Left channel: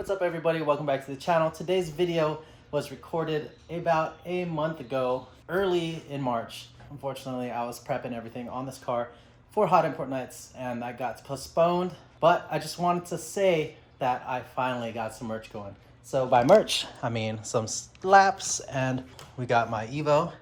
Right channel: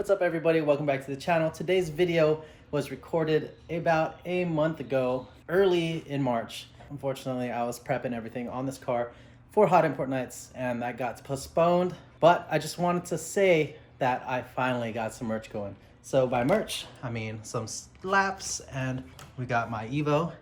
What's up everybody, welcome back to the channel. Today's video was recorded about a month ago, early in March. Unfortunately, I was prepping everything on this car for hot import nights and that got postponed. But I just wanted to say that I finally got some merch going. So by merch, I mean some slaps, and we got my Evo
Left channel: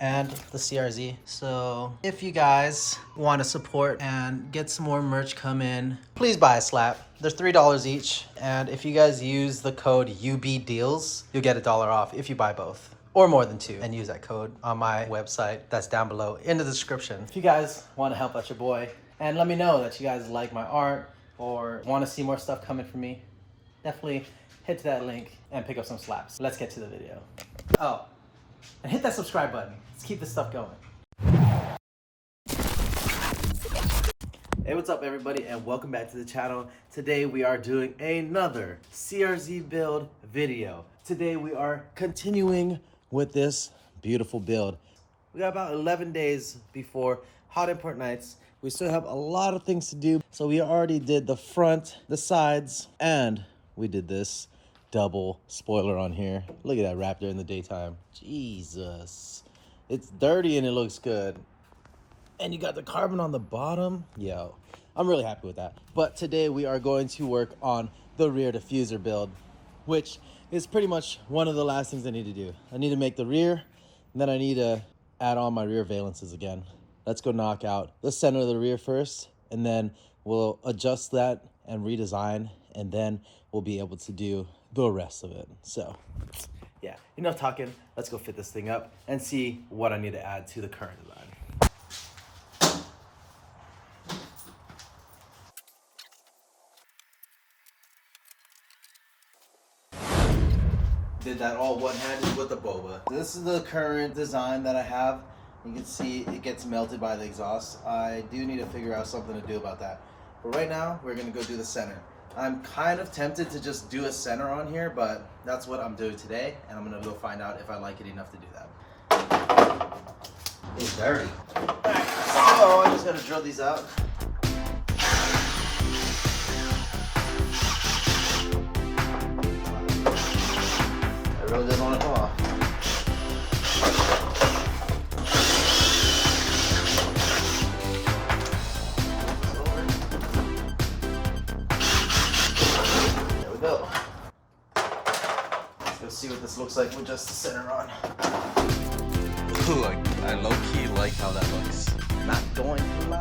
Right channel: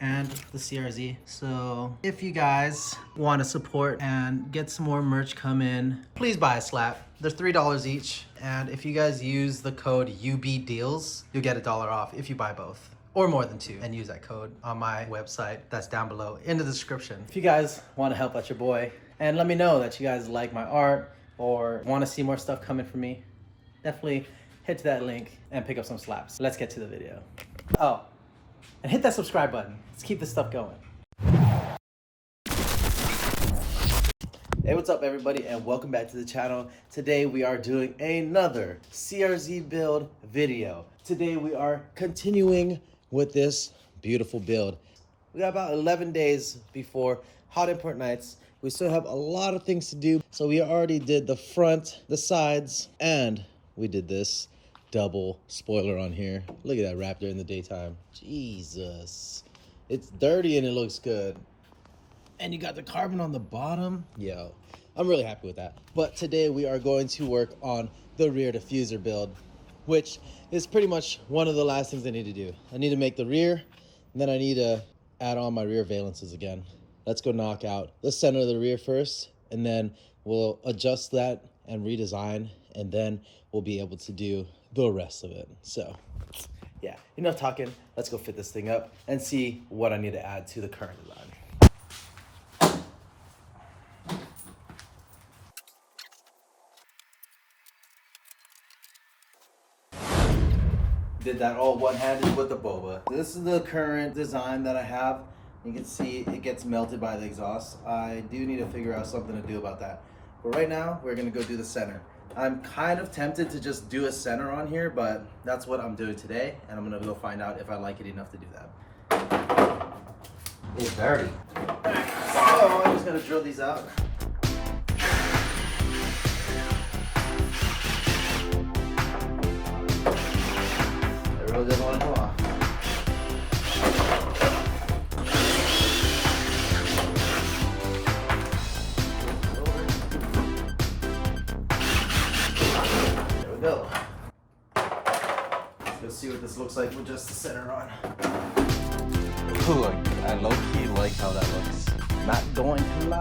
and the CRZ. So if you guys want to support and get some more merch come in, please buy a slap. They're $3 each, and if you guys use the code UBDeals, you'll get $1 off if you buy both or more than two, and use that code on my website that's down below in the description. If you guys want to help out your boy and let me know that you guys like my art or want to see more stuff coming from me, definitely head to that link and pick up some slaps. Let's get to the video. Oh, and hit that subscribe button. Let's keep this stuff going. Hey, what's up everybody, and welcome back to the channel. Today we are doing another CRZ build video. Today we are continuing with this beautiful build. We got about 11 days before hot import nights. We still have a lot of things to do. So we already did the front, the sides, and we did this double spoiler on here. Look at that Raptor in the daytime. Jesus. It's dirty and it looks good. And you got the carbon on the bottom. Yo, I'm really happy with that. But today we are going to work on the rear diffuser build, which is pretty much one of the last things I need to do. I need to make the rear, and then I need to add on my rear valences again. Let's go knock out the center of the rear first, and then we'll adjust that and redesign, and then we'll be able to do the rest of it. So yeah, enough talking. Let's go fit this thing up and see what I need to add to the current design. Did that all one-handed with the boba. This is the current design that I have. You can see it gets melted by the exhaust. I do need to figure out something to do about that. But right now, we're gonna go do the center. I'm kind of tempted to just do a center on here, but that's what I'm doing today, and I'm gonna go find out if I like it enough to do that. It's dirty. So I just gotta drill these out. I really didn't want to go off. Go. Let's see what this looks like with just the center on. Ooh, I low-key like how that looks. Not going to lie.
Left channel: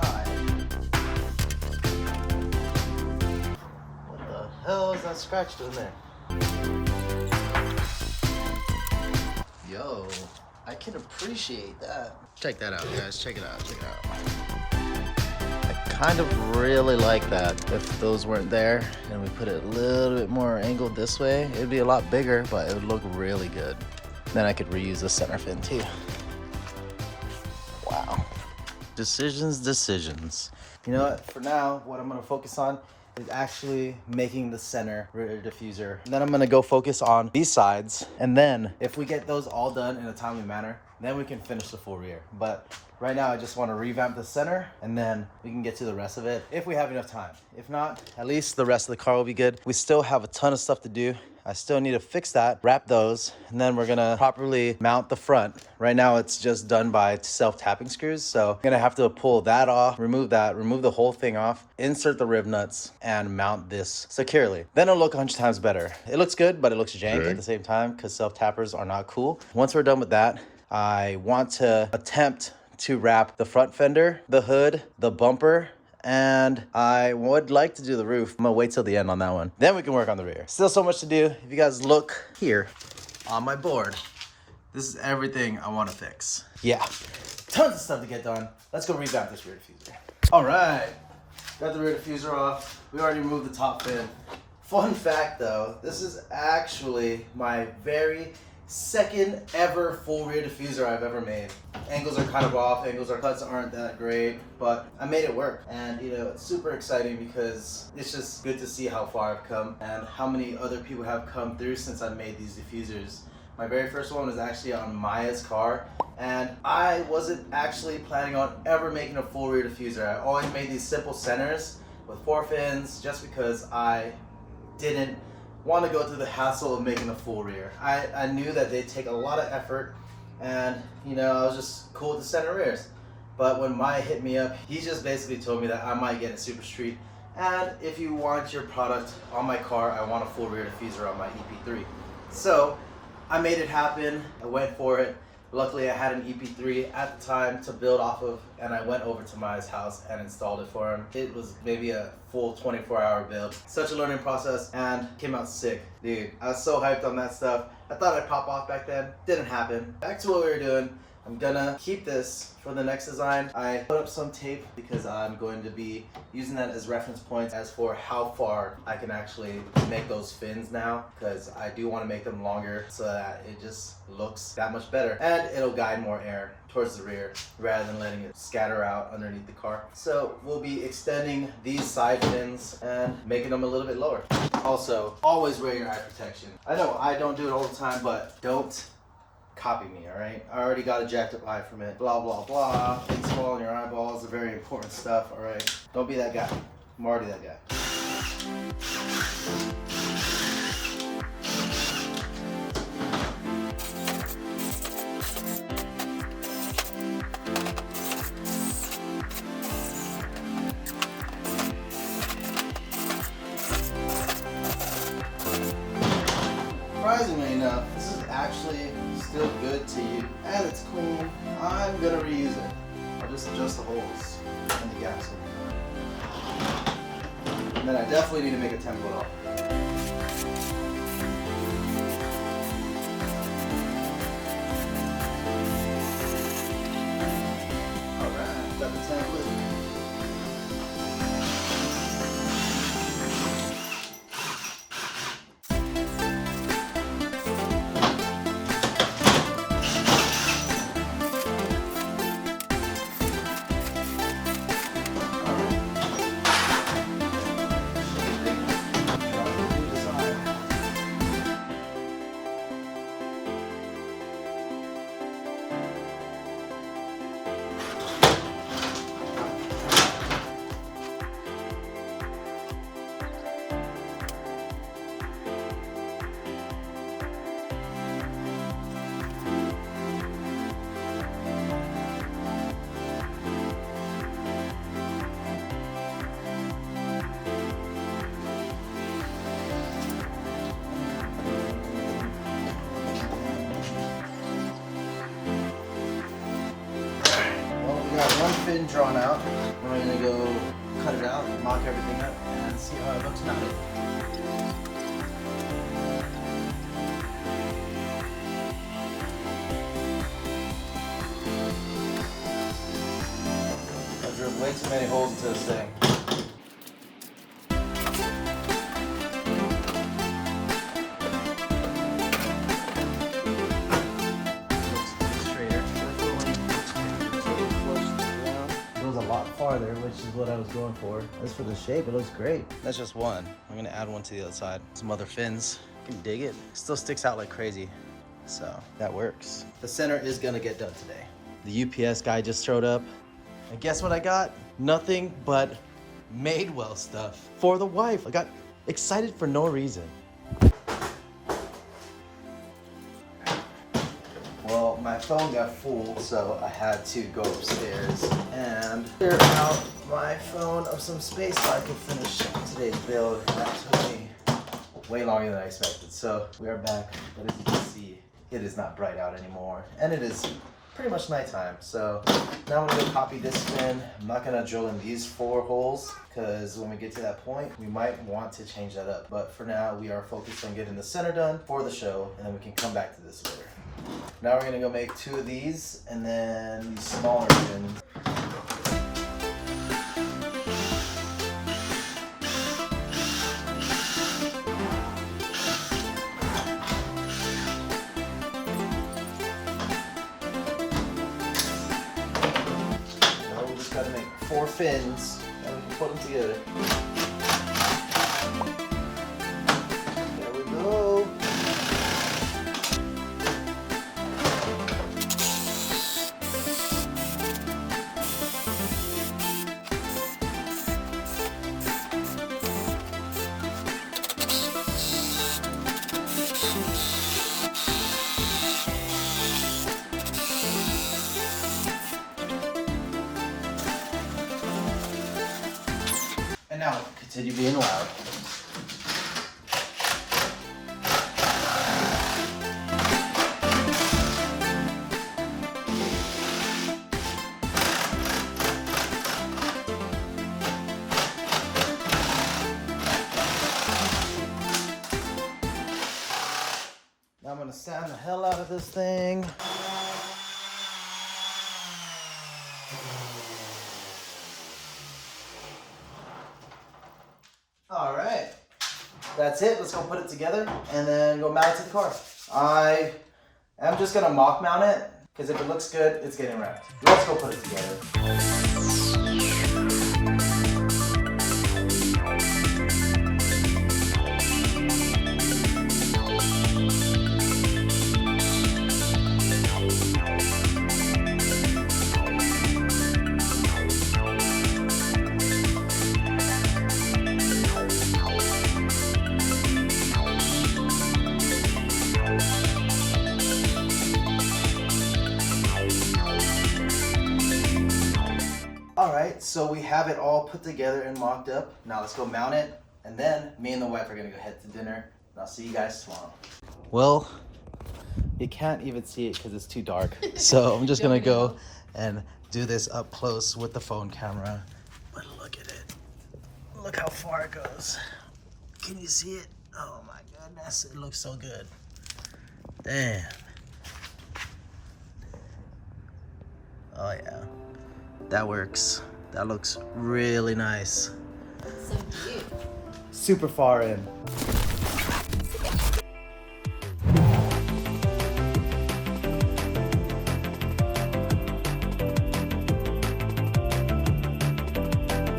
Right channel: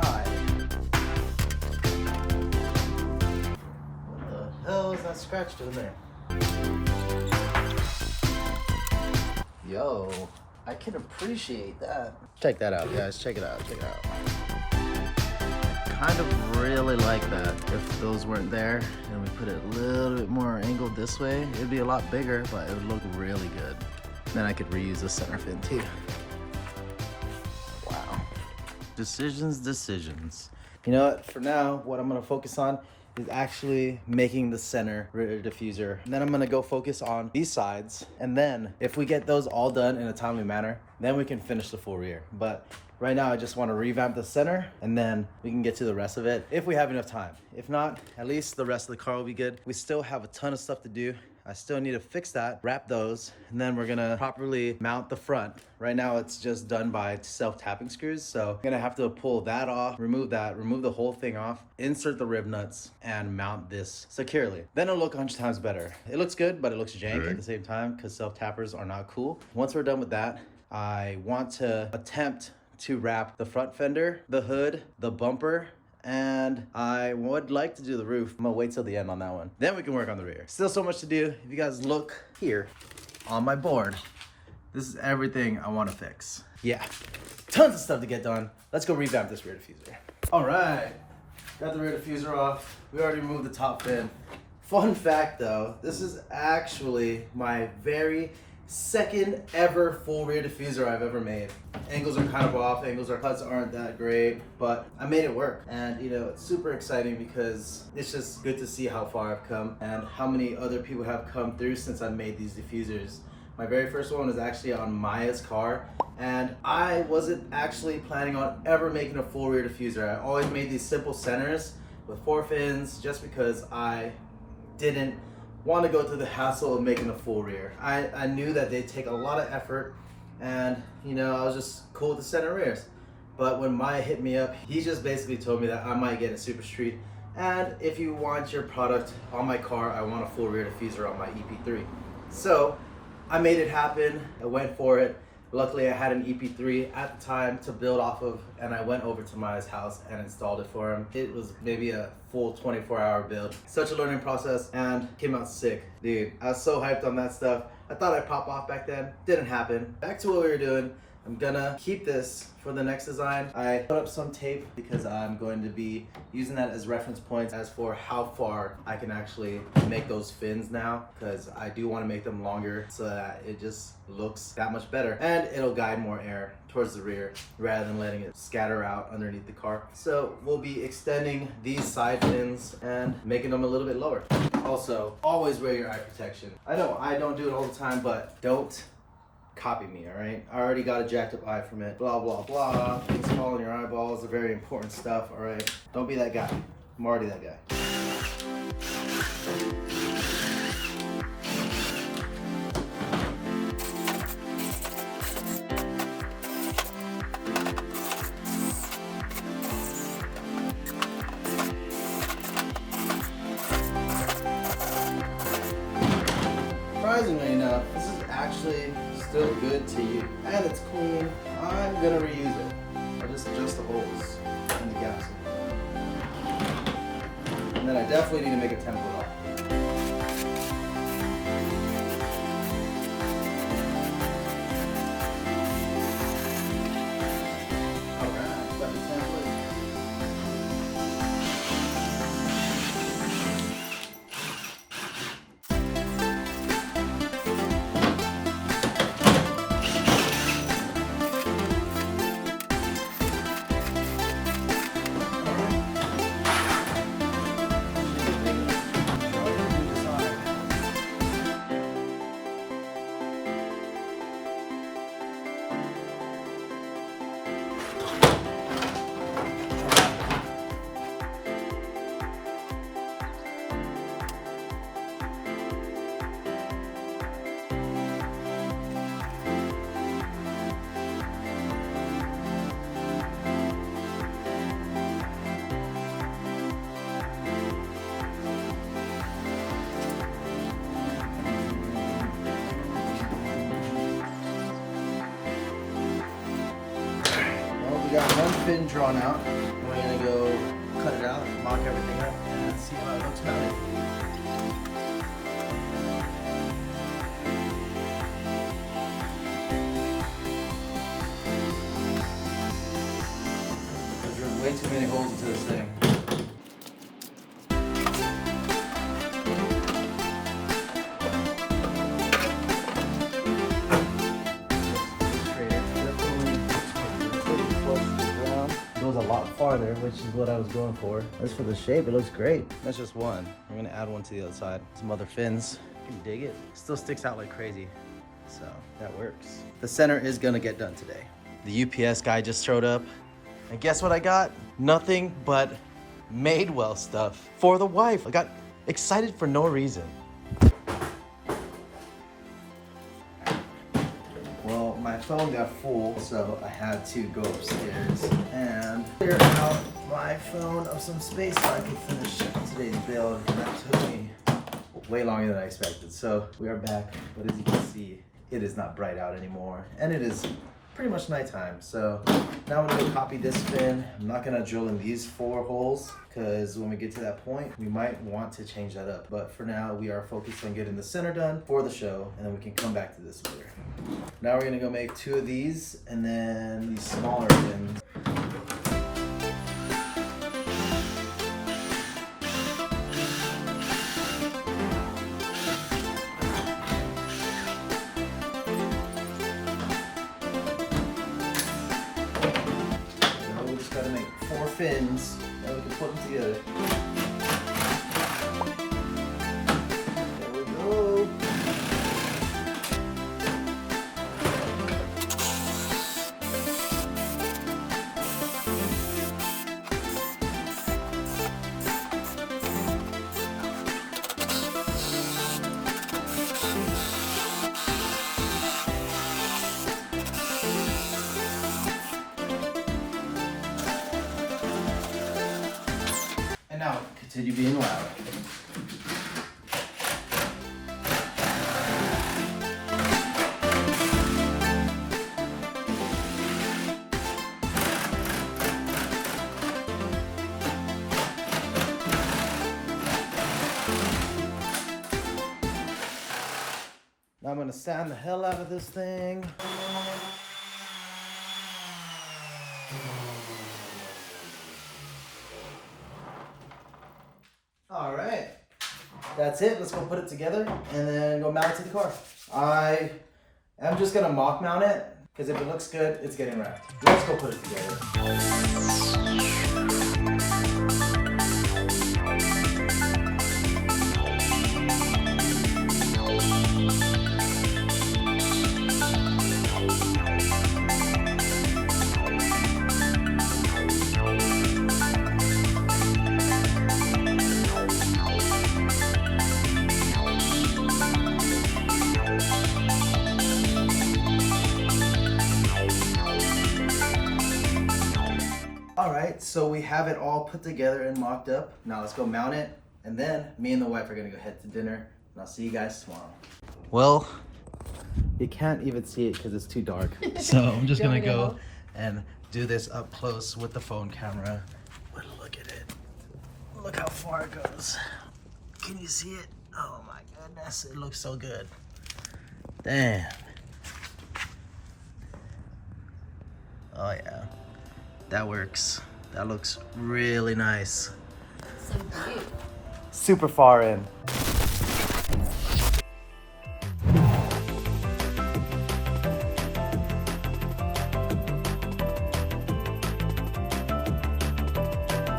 What the hell is that scratch doing there? Yo, I can appreciate that. Check that out, guys. Check it out. Check it out. Kind of really like that. If those weren't there and we put it a little bit more angled this way, it'd be a lot bigger, but it would look really good. Then I could reuse the center fin too. Wow. Decisions. You know what? For now, what I'm gonna focus on is actually making the center rear diffuser. And then I'm gonna go focus on these sides. And then if we get those all done in a timely manner, then we can finish the full rear. But right now, I just want to revamp the center, and then we can get to the rest of it if we have enough time. If not, at least the rest of the car will be good. We still have a ton of stuff to do. I still need to fix that, wrap those, and then we're gonna properly mount the front. Right now, it's just done by self-tapping screws, so I'm gonna have to pull that off, remove the whole thing off, insert the rib nuts, and mount this securely. Then it'll look 100 times better. It looks good, but it looks jank at the same time because self-tappers are not cool. Once we're done with that, I want to attempt to wrap the front fender, the hood, the bumper, and I would like to do the roof. I'm gonna wait till the end on that one. Then we can work on the rear. Still so much to do. If you guys look here on my board, this is everything I wanna fix. Yeah, tons of stuff to get done. Let's go revamp this rear diffuser. All right, got the rear diffuser off. We already removed the top fin. Fun fact though, this is actually my very second ever full rear diffuser I've ever made. Angles are kind of off, cuts aren't that great, but I made it work. And you know, it's super exciting because it's just good to see how far I've come and how many other people have come through since I made these diffusers. My very first one was actually on Maya's car, and I wasn't actually planning on ever making a full rear diffuser. I always made these simple centers with 4 fins just because I didn't want to go through the hassle of making a full rear. I knew that they'd take a lot of effort, and you know, I was just cool with the center rears. But when Maya hit me up, he just basically told me that I might get a Super Street, and if you want your product on my car, I want a full rear diffuser on my EP3. So I made it happen. I went for it. Luckily, I had an EP3 at the time to build off of, and I went over to Maya's house and installed it for him. It was maybe a full 24-hour build. Such a learning process, and came out sick. Dude, I was so hyped on that stuff. I thought I'd pop off back then. Didn't happen. Back to what we were doing. I'm gonna keep this for the next design. I put up some tape because I'm going to be using that as reference points as for how far I can actually make those fins now, because I do want to make them longer so that it just looks that much better, and it'll guide more air towards the rear rather than letting it scatter out underneath the car. So we'll be extending these side fins and making them a little bit lower. Also, always wear your eye protection. I know I don't do it all the time, but don't copy me, all right? I already got a jacked up eye from it. Blah, blah, blah. Things fall in your eyeballs are very important stuff, all right? Don't be that guy. I'm already that guy. Surprisingly enough, this is actually still good to use, and it's clean. I'm gonna reuse it. I'll just adjust the holes and the gaps. And then I definitely need to make a template off. Alright, got the template. One fin drawn out. Then I'm gonna go cut it out, mock everything up, and see how it looks mounted. I drilled way too many holes into this thing. Which is what I was going for. As for the shape, it looks great. That's just one. I'm gonna add one to the other side. Some other fins. You can dig it. Still sticks out like crazy. So that works. The center is gonna get done today. The UPS guy just showed up. And guess what I got? Nothing but Madewell stuff for the wife. I got excited for no reason. Well, my phone got full, so I had to go upstairs and clear out my phone of some space so I could finish today's build. And that took me way longer than I expected. So we are back, but as you can see, it is not bright out anymore, and it is pretty much nighttime. So now I'm gonna go copy this fin. I'm not gonna drill in these 4 holes because when we get to that point, we might want to change that up. But for now, we are focused on getting the center done for the show, and then we can come back to this later. Now we're gonna go make 2 of these, and then these smaller fins. Now we just gotta make 4 fins, and we can put them together. There we go. City being loud. Now I'm gonna sand the hell out of this thing. All right, that's it. Let's go put it together and then go mount it to the car. I am just gonna mock mount it because if it looks good, it's getting wrapped. Let's go put it together. All right, so we have it all put together and mocked up. Now let's go mount it, and then me and the wife are gonna go head to dinner, and I'll see you guys tomorrow. Well, you can't even see it because it's too dark. So I'm just gonna go and do this up close with the phone camera. But look at it. Look how far it goes. Can you see it? Oh my goodness, it looks so good. Damn. Oh yeah. That works. That looks really nice. So cute. Super far in.